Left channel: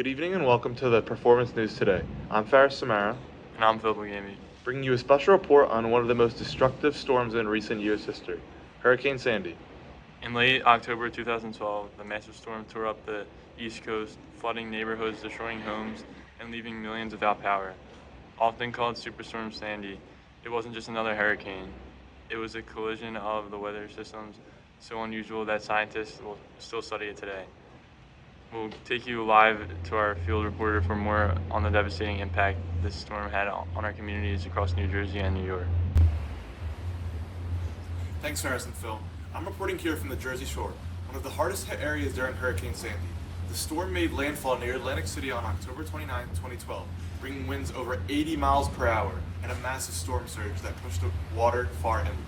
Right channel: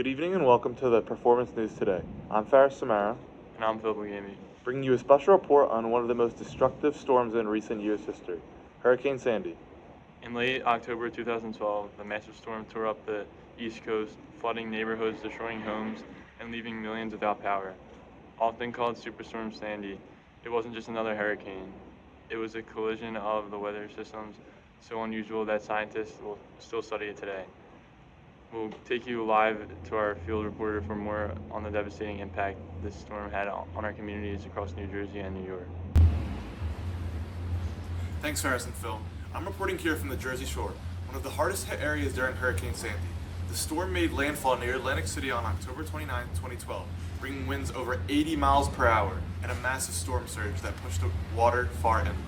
Good evening and welcome to the Performance News Today. I'm Faris Samara, And I'm Phil Bugami. bringing you a special report on one of the most destructive storms in recent U.S. history, Hurricane Sandy. In late October 2012, the massive storm tore up the East Coast, flooding neighborhoods, destroying homes, and leaving millions without power. Often called Superstorm Sandy, it wasn't just another hurricane. It was a collision of the weather systems so unusual that scientists will still study it today. We'll take you live to our field reporter for more on the devastating impact this storm had on our communities across New Jersey and New York. Thanks, Faris and Phil. I'm reporting here from the Jersey Shore, one of the hardest hit areas during Hurricane Sandy. The storm made landfall near Atlantic City on October 29, 2012, bringing winds over 80 miles per hour and a massive storm surge that pushed the water far inland.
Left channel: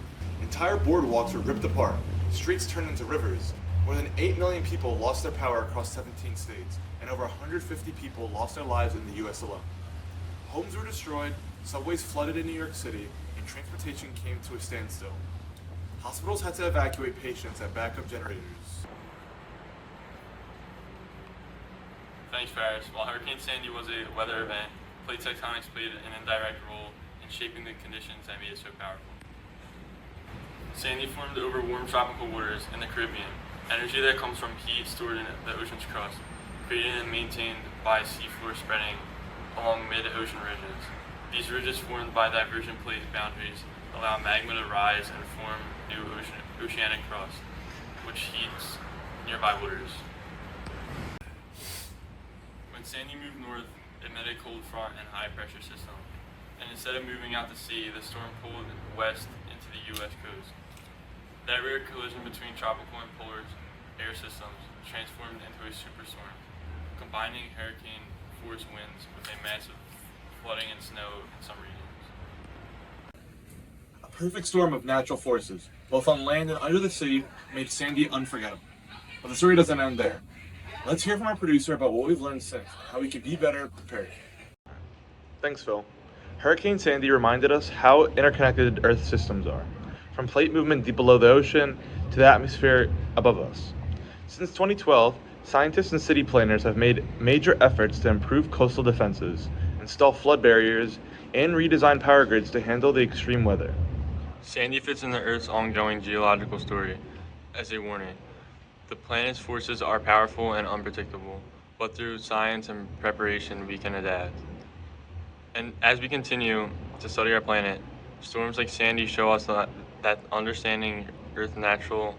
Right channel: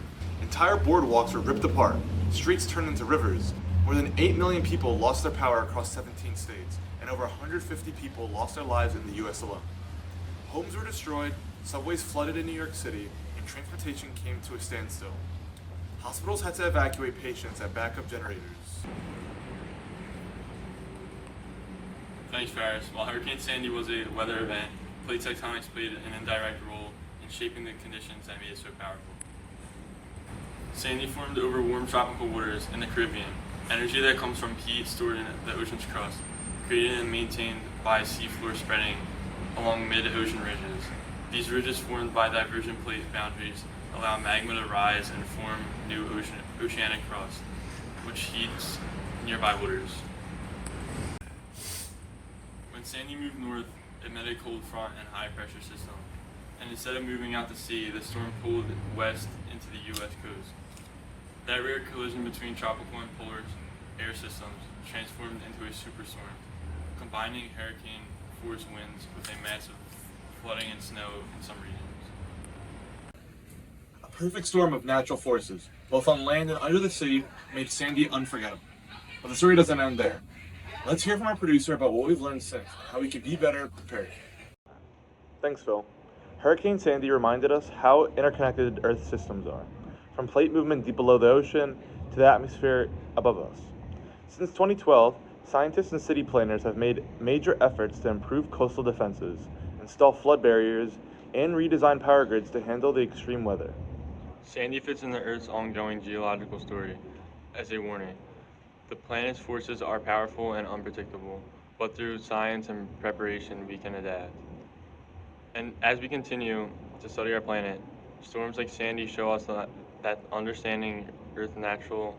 Entire boardwalks were ripped apart, streets turned into rivers. More than 8 million people lost their power across 17 states, and over 150 people lost their lives in the U.S. alone. Homes were destroyed, subways flooded in New York City, and transportation came to a standstill. Hospitals had to evacuate patients at backup generators. Thanks, Faris. While Hurricane Sandy was a weather event, plate tectonics played an indirect role in shaping the conditions that made it so powerful. Sandy formed over warm tropical waters in the Caribbean, energy that comes from heat stored in the ocean's crust, created and maintained by seafloor spreading along mid-ocean ridges. These ridges formed by divergent plate boundaries allow magma to rise and form new oceanic crust, which heats nearby waters. When Sandy moved north, it met a cold front and high pressure system, and instead of moving out to sea, the storm pulled west into the U.S. coast. That rare collision between tropical and polar air systems transformed into a superstorm, combining hurricane force winds with a massive flooding and snow in some regions. A perfect storm of natural forces, both on land and under the sea, made Sandy unforgettable. But the story doesn't end there. Let's hear from our producer about what we've learned since, how we can be better prepared. Thanks, Phil. Hurricane Sandy reminded us how interconnected Earth's systems are, from plate movement deep below the ocean to the atmosphere above us. Since 2012, scientists and city planners have made major efforts to improve coastal defenses, install flood barriers, and redesign power grids to handle the extreme weather. Sandy fits in the Earth's ongoing geological story as a warning. The planet's forces are powerful and unpredictable, but through science and preparation we can adapt. And as we continue to study our planet, storms like Sandy show us that understanding Earth's natural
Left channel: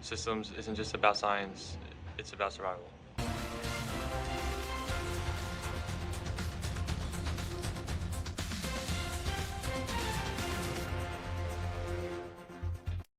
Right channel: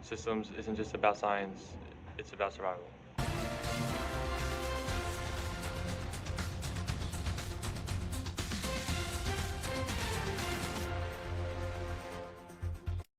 systems isn't just about science, it's about survival.